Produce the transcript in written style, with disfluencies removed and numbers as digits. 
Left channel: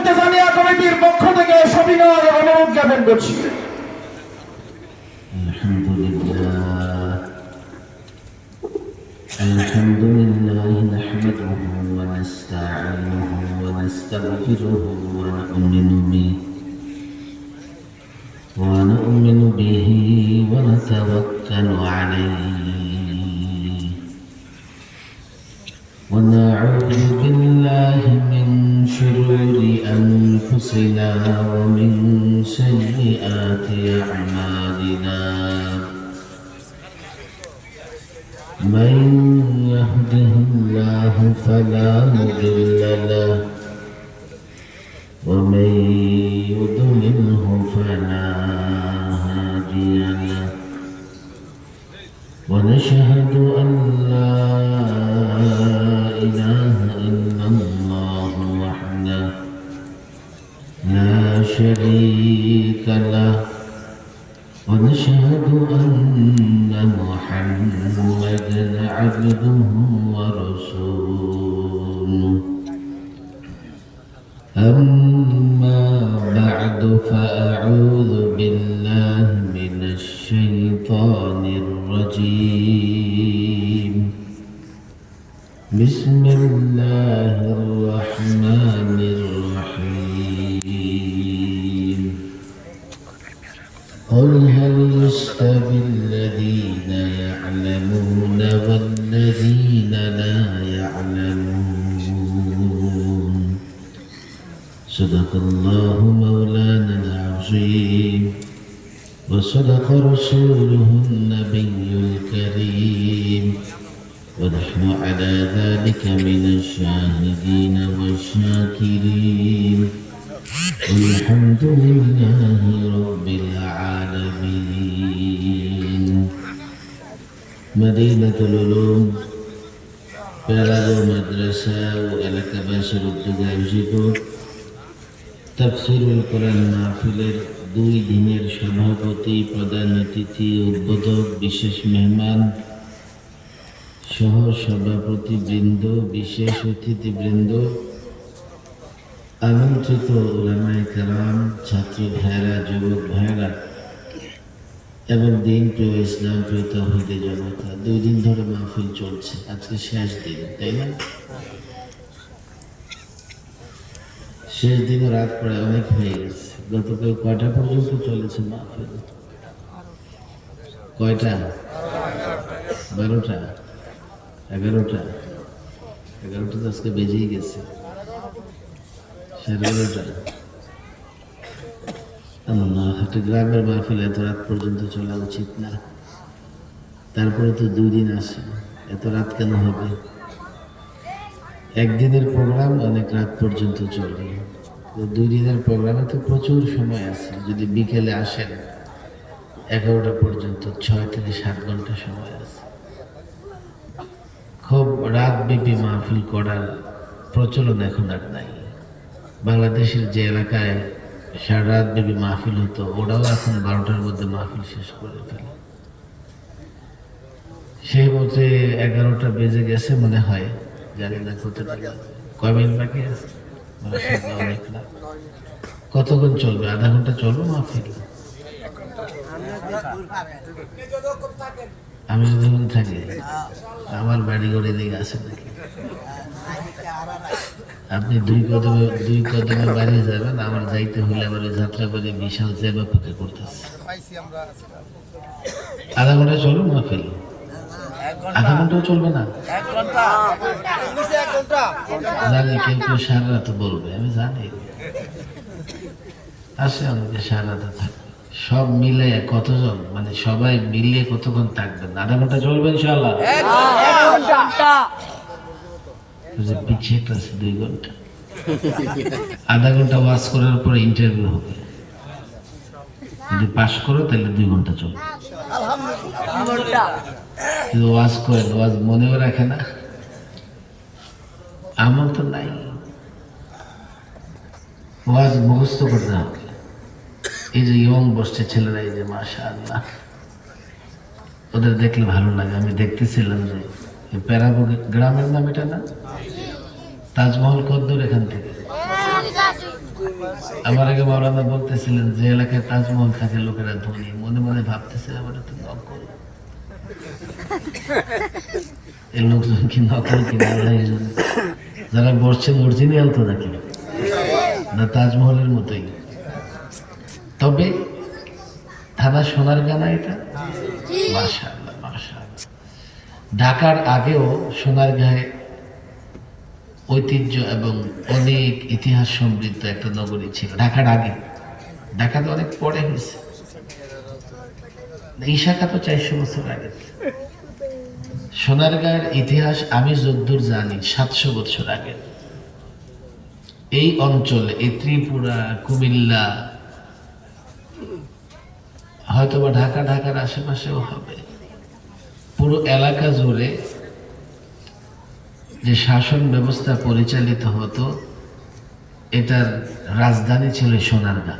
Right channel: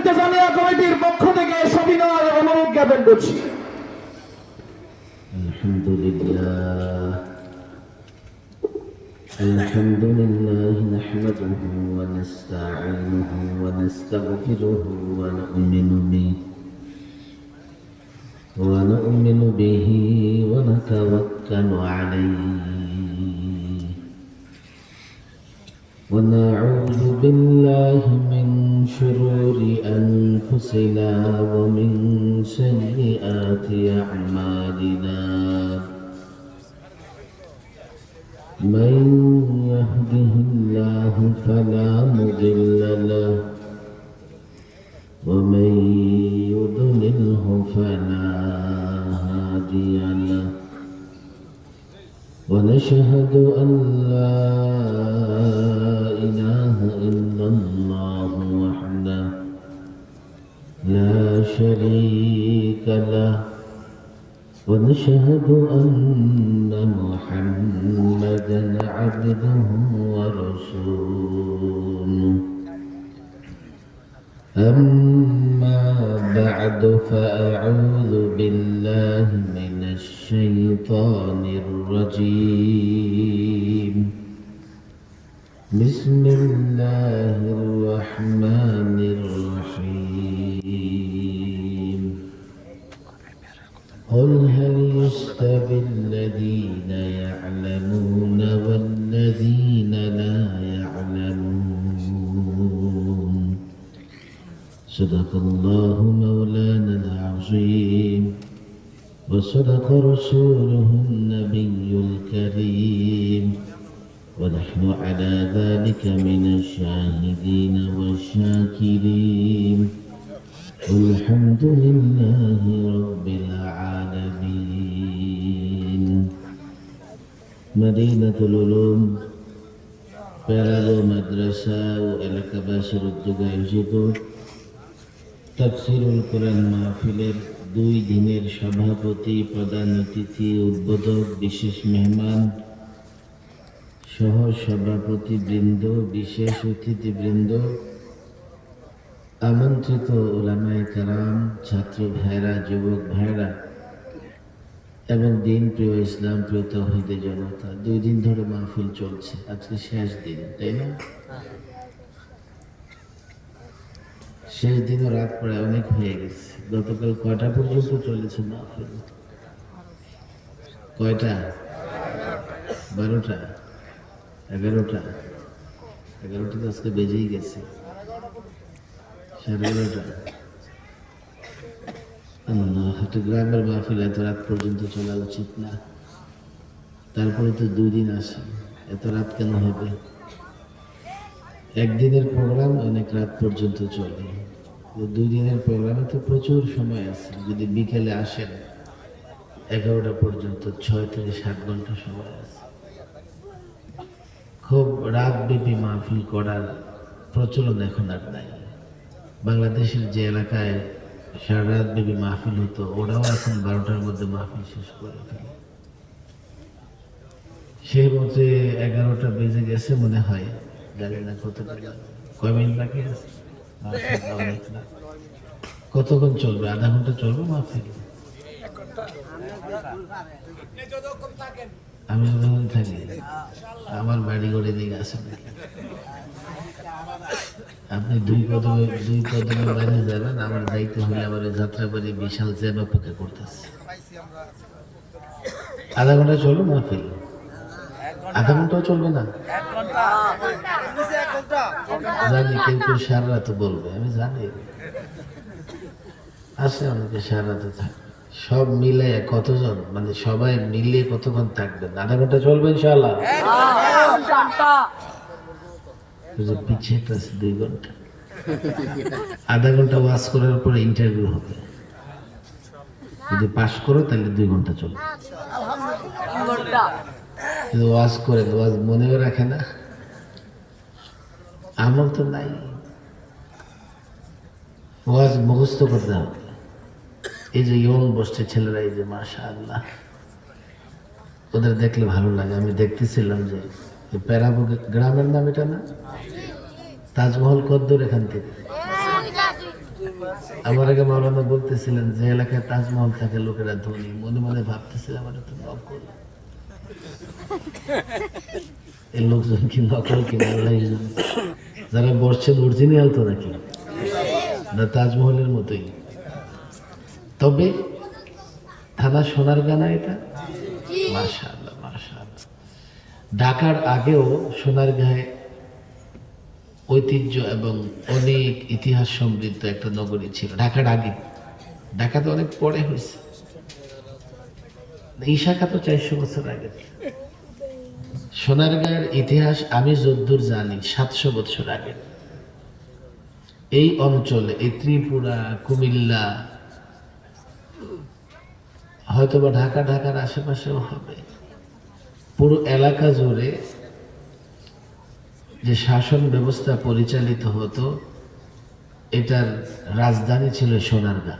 ইলতেজামিয়া কমিটির পক্ষ থেকে সবিনয় অনুরোধ জ্ঞাপন করছি। الحمد لله نحمده ونستعينه ونستغفره ونؤمن به ونتوكل عليه ونعوذ بالله من شرور أنفسنا ومن سيئات أعمالنا من يهده الله فلا مضل له ومن يضلله فلا هادي له ونشهد أن لا إله إلا الله وحده لا شريك له ونشهد أن محمدا عبده ورسوله أما بعد فأعوذ بالله من الشيطان الرجيم بسم الله الرحمن الرحيم قل هل يستوي الذين يعلمون والذين لا يعلمون صدق الله مولانا العظيم وصدق رسوله النبي الكريم ونحن على ذلك من الشاهدين والشاكرين والحمد لله رب العالمين مدينة العلوم পেরালো মাদ্রাসা ও এলাকাবাসীর উদ্যোগে আয়োজিত তাফসীরুল কোরআন মাহফিলের 2 দিনের সভাপতি, প্রধান অতিথি, উদ্বোধক, বিশেষ মেহমান সহ সভাপতিবৃন্দ, বিশেষ অতিথিবৃন্দ, আমন্ত্রিত উলামায়ে কেরাম, ছাত্রী ভাইরা, যুবক ভাইরা এবং দিন প্রিয় ইসলাম প্রিয় তাওহীদি জনতা, 2 দিন ধরে মাহফিল চলছে, আজকে শেষ দিন, তাই না? শেষ দিনও রাত প্রায় অনেক হয়ে গেছে। গতকাল কয়টা পর্যন্ত চলেছে মাহফিল? কয়টা? 12টা, 11টা, 11টা তো আজকে বেজেই গেছে, 11:30। আল্লাহ, গ্রামের মাহফিল এত রাত পর্যন্ত চলা উচিত না। তারপরে তো 2 দিন আসে, এত রাত কেন হবে? একদিনের প্রোগ্রাম অনেক রাত পর্যন্ত চলে, 2 দিনের প্রোগ্রামে তো প্রচুর সময় আছে। যদি বিকেলে আসেন 11টা পর্যন্ত 6 থেকে 7 ঘন্টা সময় আছে। খুব রাতব্যাপী মাহফিল করার প্রচলন এখন আর নাই। বাংলাদেশের যে এলাকায় সারা রাতব্যাপী মাহফিল হতো, ওরাও এখন 12টার মধ্যে মাহফিল শেষ করে ফেলে। সেই মতে 11টা বেজে গেছে মনে হয়, জানি না কয় মিনিট বাকি আছে। অনেক না, কতক্ষণ চলবে? আধা ঘন্টা চলবে মাহফিল? আমি যখন থাকি, আমার বাড়ি ঘরে দিকে আসে নাকি? আপনি 2 কদমে বাড়ি যাবেন, আমার যাইতে হলে আমার যাত্রাবাড়ি বিশাল জ্যামে ফাঁকে করতেছে। আধা ঘন্টা চলবে মাহফিল? আধা ঘন্টাও চলবে না? জানি কেউ কেউ সারা রাত বলবে, আমি জানি আসে অনেকে সারা রাতে থাকবে। সব মিলে কতজন, মানে সবাই মিলে কতক্ষণ থাকবেন? আধা ঘন্টা চলবে ইনশাআল্লাহ? পিছিয়ে আছে 2 ঘন্টা। আধা ঘন্টা ওয়াজ করার পরে ইন্টারভিউ হবে, যদি পাস করো তাহলে 2 ঘন্টা চলবে। কিন্তু ওয়াজ করেন, ওয়াজ মনেও রাখে না, আমল তো নাই। ওয়াজ মুখস্থ করতে হবে। এই যে ইয়ং বসছে ছেলেরা, এই যে মাশাআল্লাহ, ওদের দেখলে ভালো লাগে। আমি দেখতেছিলাম যে প্যারাবো গ্রামের নাম এটা না, তাজমহল কত দূর এখান থেকে? আমার আগে মাওলানা বলতেছিলেন যে এলাকায় তাজমহল থাকে লোকেরা ধনী, মনে মনে ভাবতেছিলাম আমার তো নকল, এই লোকজন কি নকল কিনা আল্লাহ জানে। যারা বসছেন অরিজিনাল তো নাকি না তাজমহলের মতোই। তবে থানা সোনারগাঁ এটা, মাশাআল্লাহ মাশাআল্লাহ। ঢাকার আগেও সোনারগাঁয়ে ঐতিহ্য এবং অনেক ইতিহাস সমৃদ্ধ একটা নগরী ছিল ঢাকার আগে। ঢাকা তো অনেক পরে হয়েছে, এই শাখা তো 400 বছর আগে। সোনারগাঁয়ের ইতিহাস আমি যদ্দূর জানি 700 বছর আগে। এই অঞ্চলে এই ত্রিপুরা, কুমিল্লা, হয়তোবা ঢাকার আশেপাশেও হবে, পুরো এলাকা জুড়ে যে শাসন ব্যবস্থা পরিচালিত হতো এটার রাজধানী ছিল সোনারগাঁ।